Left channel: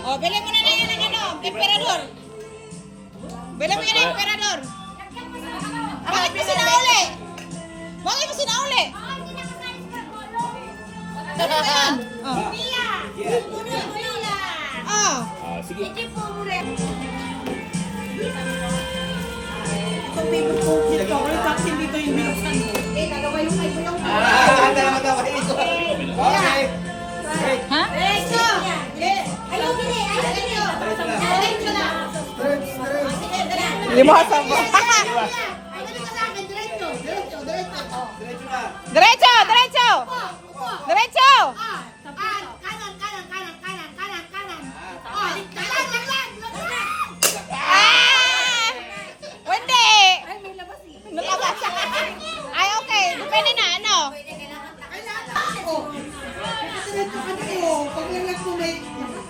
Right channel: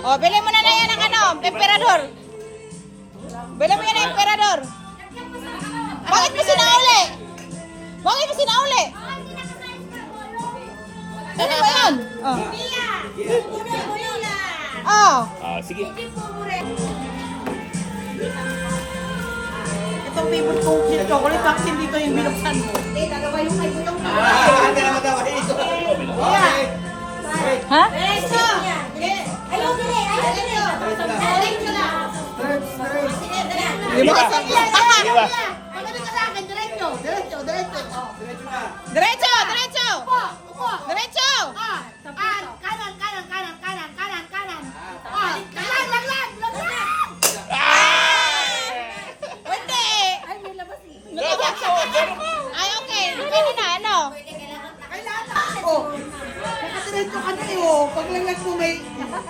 Oh, bili mo na yan ng ano, emperador. Bili mo yan ng emperador. Bakit mo sinauli? Bakit mo sinauli? Ano ba yan? Oh. Sige. Itong favorite ko, chocolate vaccine dito yung binuksan mo. Dalawa yung kayo yung Ha? Limasa mo. Diretso, diretso. Diretso. Hindi. Ay, okay. Depende na, ano?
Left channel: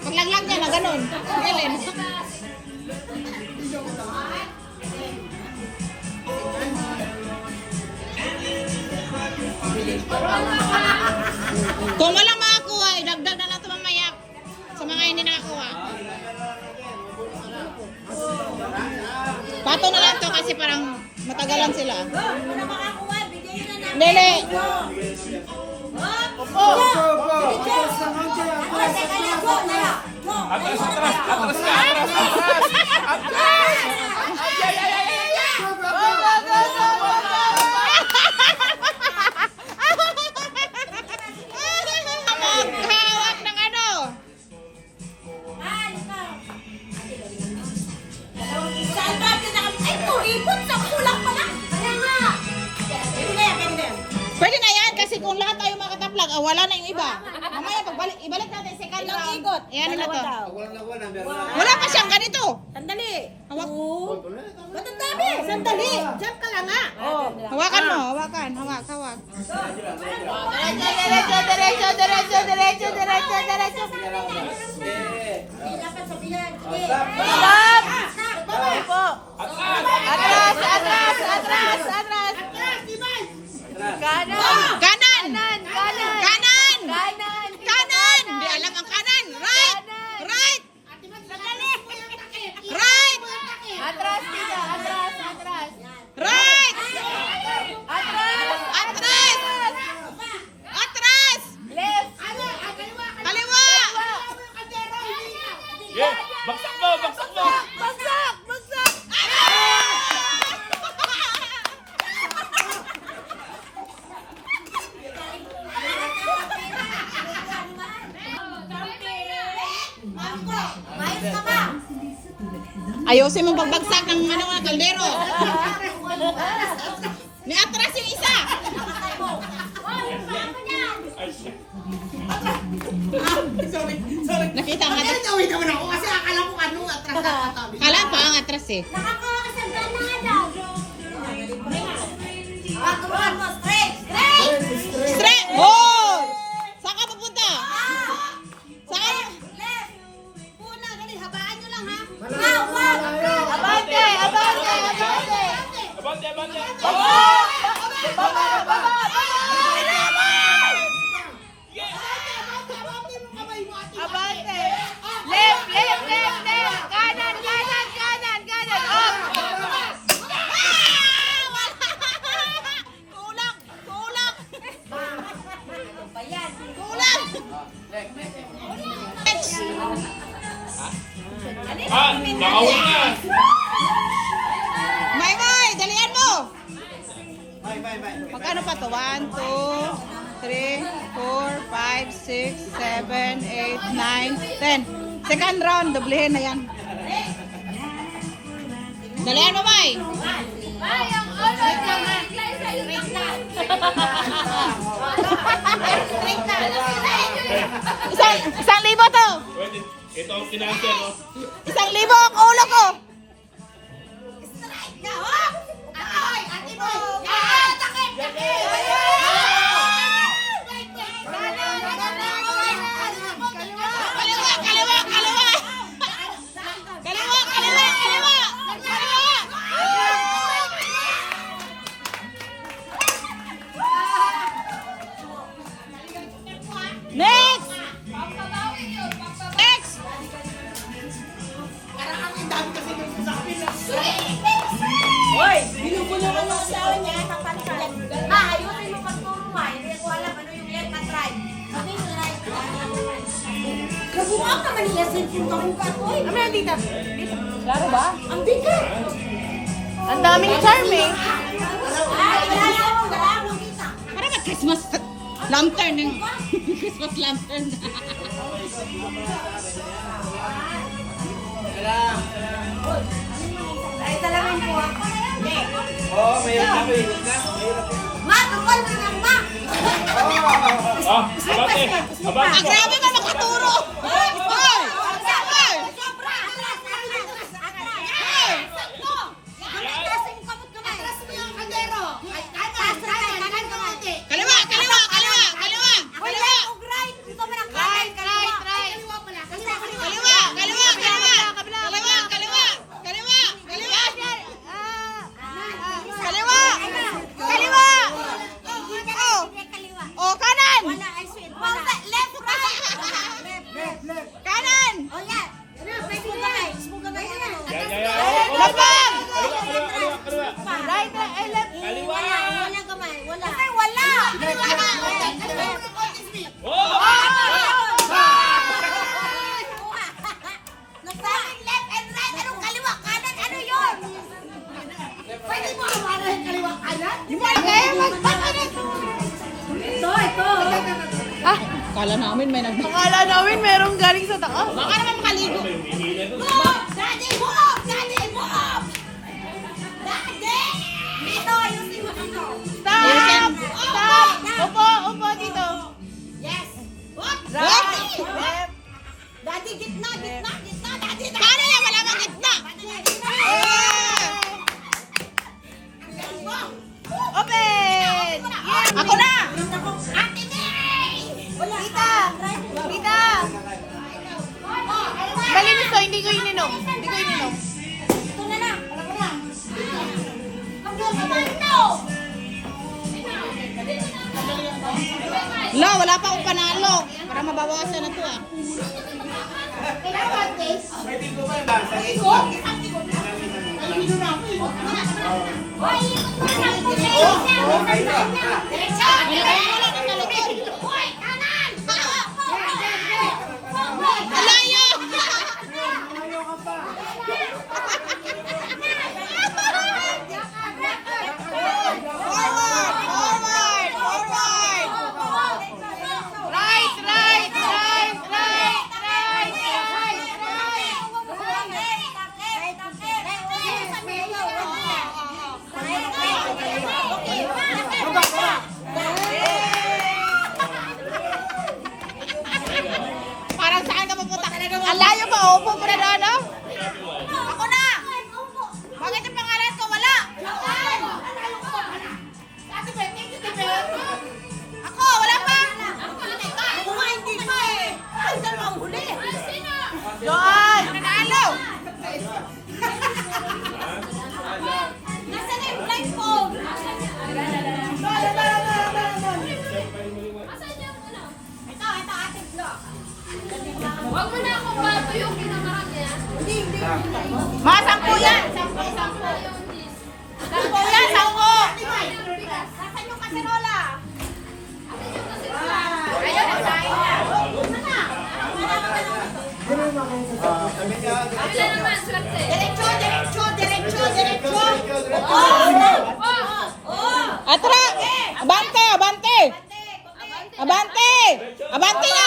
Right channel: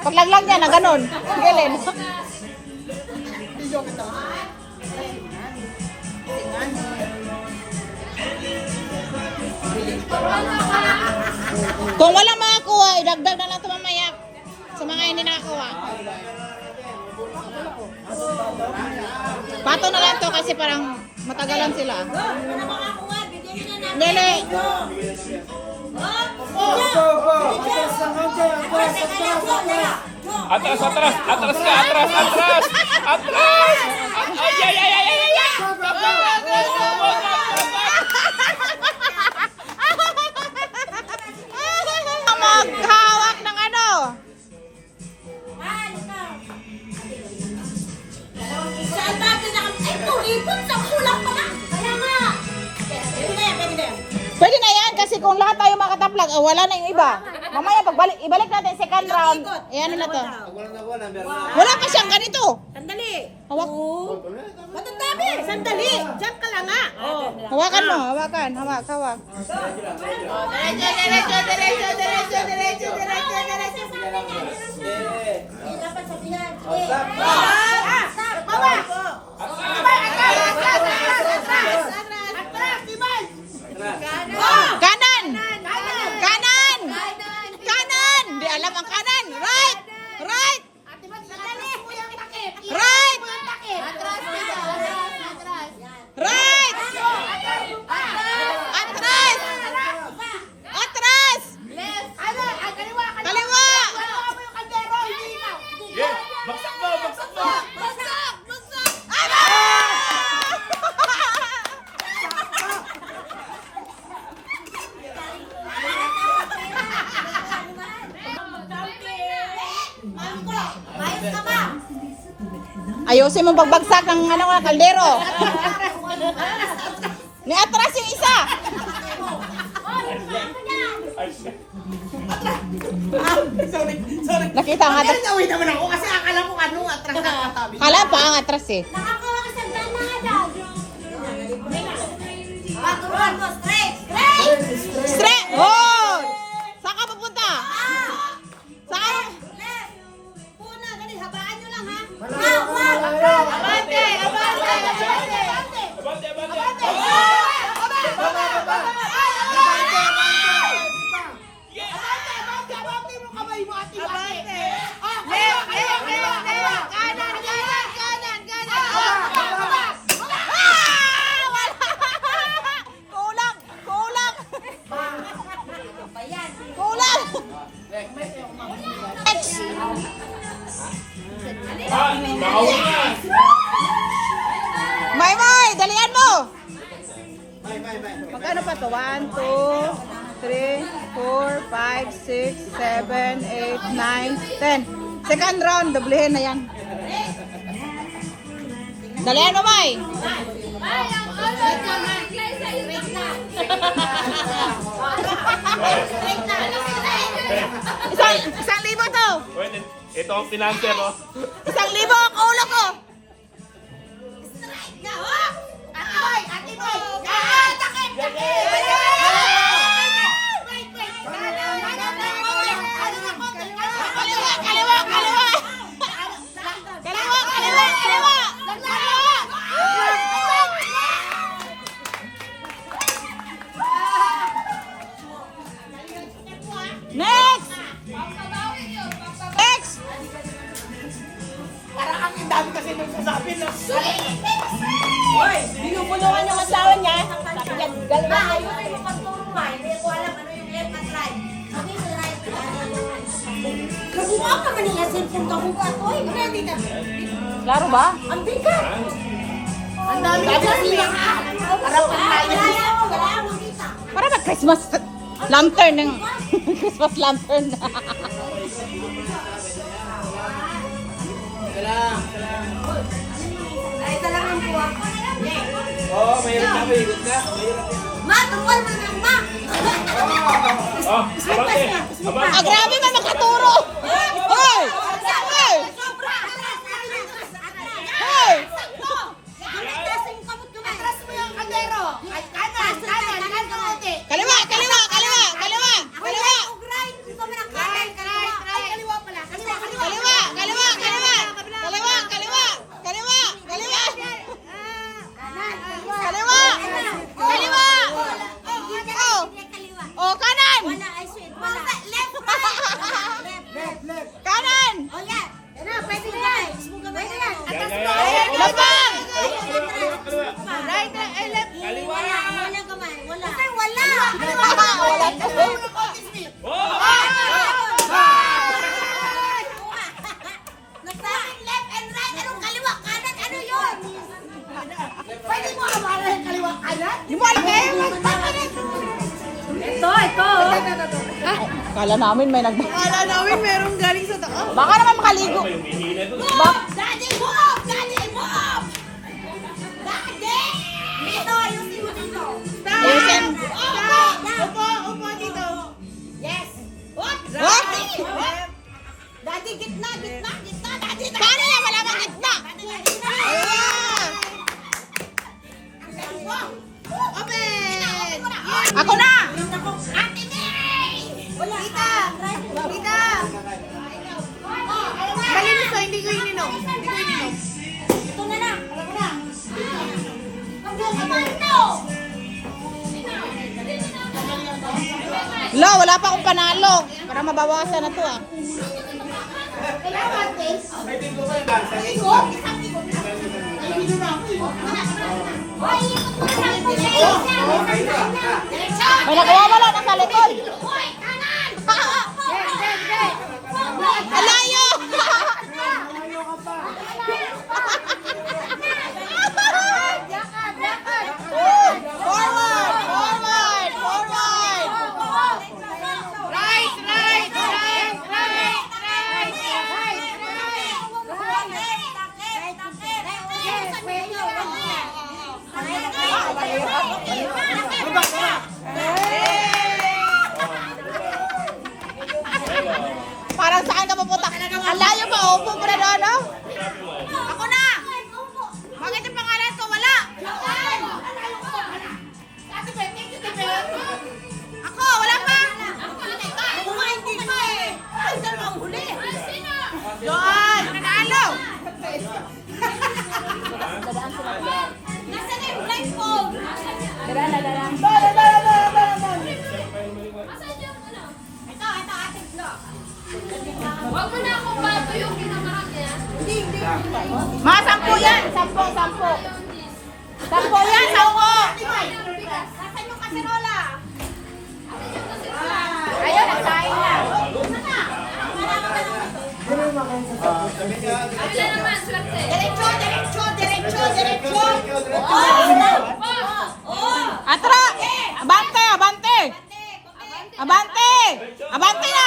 Paglaglag niya na ganun. Gilin. Kung wala makakuha, idagdag na lang ito mamaya sa mga hindi nakakuha. Pato na lang to kasi parang matagalan sila. Lele. Atras, atras, atras ka, atras, atras, atras! Ay, ay, ay, ay, ay, ay! Maghawak ng ano? Pwede na yan kasi kung lahat tayo makataplag, wala na yung iba. Mamaya pagbalik, ibalik natin second round. Ayan na to. Wala pa siyang ganito. Sandali. Hawak. Matatabi. Sandali. Diyan ka lang nga. Hawakan mo, hawakan, hawak, hawak. Diretso, diretso, diretso, diretso, diretso, diretso, Dapat sabihan. Atras, atras. Kanan! Kanan! Kanan! Di alam ang kanan. Right! Right! Right! Right! Atras! Atras! Kaliwa! Yeah, bagsak mo, bagsak mo! Bagsak! Bagsak! Ayusin mo pagbagsak ng ano, kaldero. Ni atras yung isa. Sorry. Sorry. Nakita nga atras. Nawin naman ako kasi akala ko ano atras na katabi. Kala pa ang atras eh. Straight! Hold! Saan ka pupunta? Saan? Abante! Abante! Abante, abante! Abante! Left! Left! Left! Left! Kanan! Kanan! Kanan! Kanan! Wala! Kulang! Kulang! Kulang! Ah, nakawin na! May! Dalian mo! Magkano pa to? 1, 2, 3, 4, 5, 6, 7, 8, 9, 10. Second round, doblehin na yan. Dalian mo, May! Isang libo to! Pwede, ito ang financer, no? 1,000 ang ulo ko! Kaliwa! Kaliwa! Kaliwa! Kaliwa! Kaliwa! Kaliwa! Next! Next! ayun mo pagturo hindi ko alam ano yung left at right. Sabi ko right. Kabuka ka man nila cellphone kabuka ko. Uy, dito. Klaro ba? Ang bigat. Ang daming charming. Para mag-Christmas lantern ng Christmas lantern. Ay, talagang buwa. Oh, mayroon na, mayroon na. Ma, tukol na lang, ma. Oh, abante. Abante. Ah, grabe man makaturo. Hoy! Hoy! Sobra. Hoy! Kaliwa, kaliwa, kaliwa, kaliwa, kaliwa. Kaliwa, kaliwa, kaliwa. Kaliwa, kaliwa, kaliwa, kaliwa. Kaliwa. Kaliwa. Oh, kanan. Kanan. Labang. Nagsabing left and right, anong kaliwa, kanan, ano yun? Pwede mo hawalan yung kaliwa, kanan? Di mo alam eh. Ito. Kala namin may Akala namin merong galing sa taas. Baka naman makaligo. May humihina doon. Daddy, move! Daddy, move! Daddy! Dito, ayusin mo dito. Ayusin. Upo, upo dito. Yes! What? Right. Daddy, gitna, gitna, gitna, daddy, daddy! Paano yan? Wala bang gitna? Gitna! Open! Ako na! Ate May! Tita! Tita! Malinis to, hindi ko ininom. Hindi ko ininom. Ito na lang, alam ko na. Ano? Lo, wala pa akong panalo. Para mabawasan na to ah. Kailangan taste. May nakawawala na sa likod. Alayo! Forward! Forward! Forward! Right, right, right, right. Parang saan ka pupunta? Ang layo pa, upo mo na doon, no? Ako na! Bakit yung pangalan ko? Wala! Ako, wala pa! Doon! Nanalo! Nasaan na yung blindfold? Ito, ating vlog. Huwag mo na akong bato yung kinamahan niya. Mga 10 yan! 10, 10. 10 yan, 10! Nasaan yung kaserola? Ayun, nagsahin na. Kabila naman, swerte. Diretso, diretso, diretso, diretso. Atra! Abante! Abante! Abante! Abante na!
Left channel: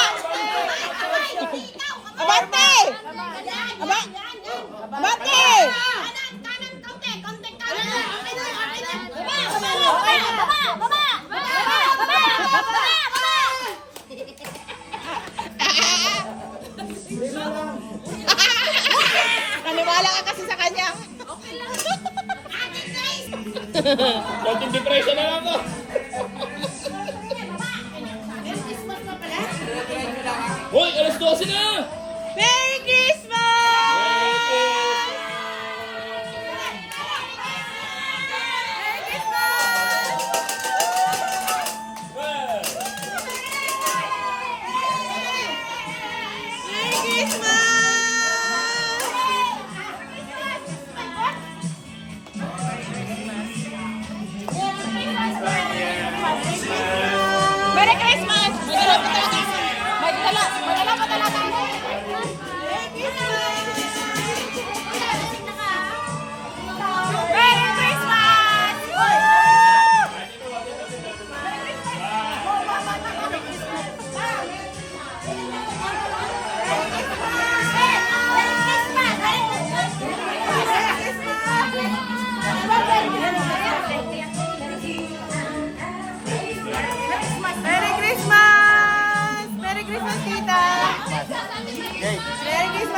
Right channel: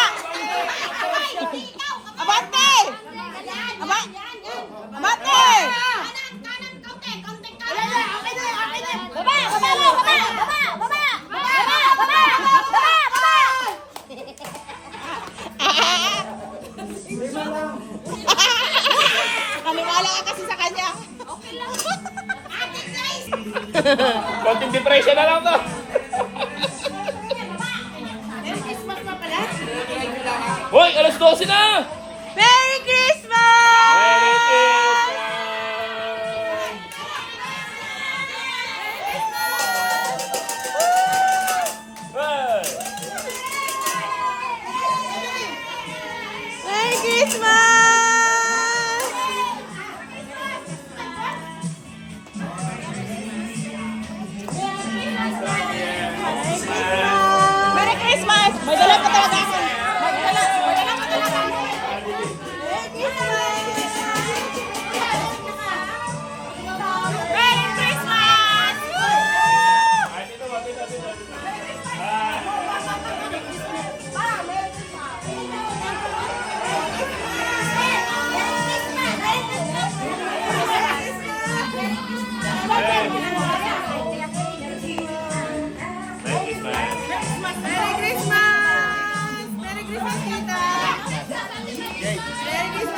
Abante! Abante! Kanan, kaunti, kaunti, kanan. Baba, baba, baba, baba, baba, baba, baba. Naniwala ka kasi sa kanya. Ate Grace. Konting depression na lang to. Hoy, alas 12 na! Merry Christmas! Merry Christmas!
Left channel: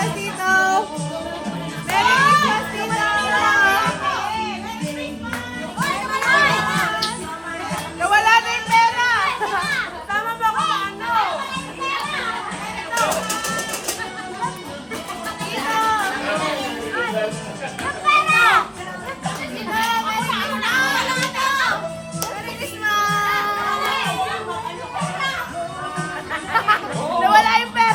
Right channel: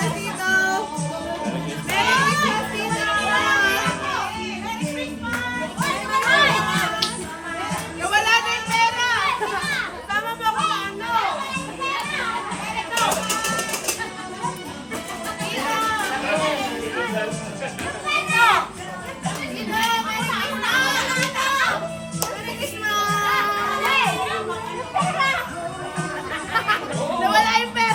Christmas, Tito! Merry Christmas, Tito! Nawala na yung pera! Tama ba ako sa ano? Nawala yung pera!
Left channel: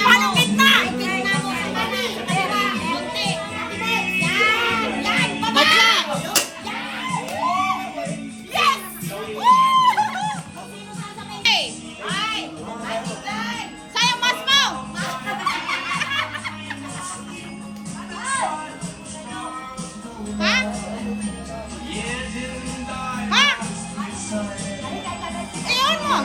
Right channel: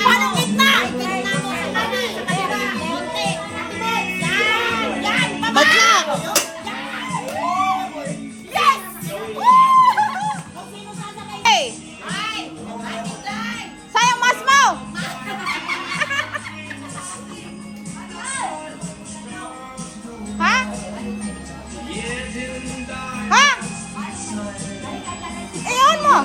Paano gitna? Gitna mo sa kami. Konti. Yan. Baba. Bagsak! Yes! Hey! Sayang mas mo! Ha? Ha? Iyon mo!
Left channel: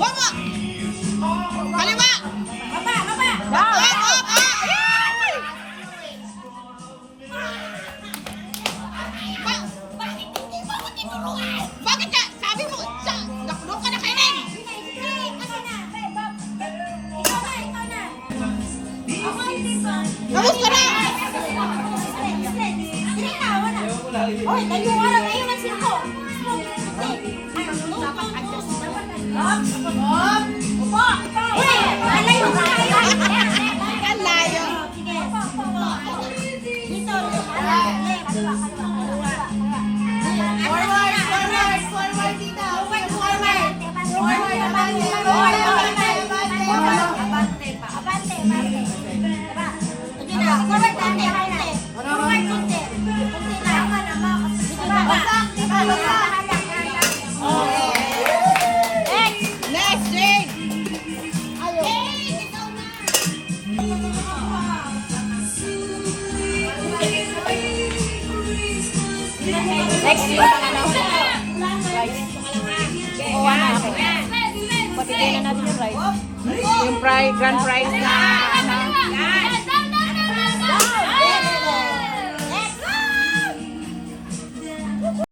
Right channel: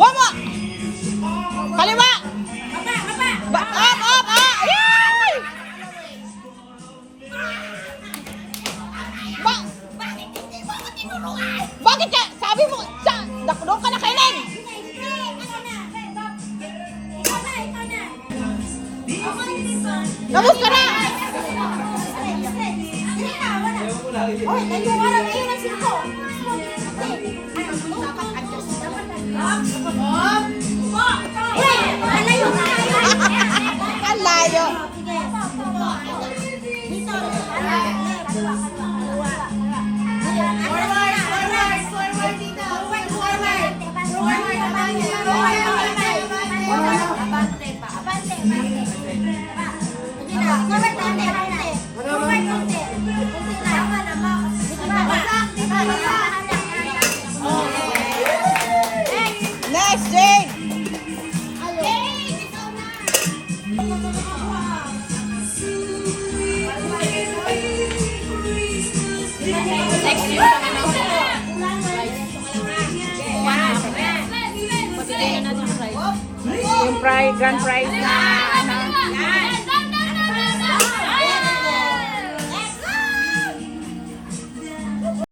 Buwan mo! Kaliwa! Up, up, up! Ayan! Bakit ka? Sabi mo, doon ka na kainin! Kamusta na? Hoy, tayo ka lang ngayon ng siko. Uy, malayo ka. Ang layo. Dito. Next, Jane! Patigyan na natin yung prize. Yung prize, grand prize na, ano,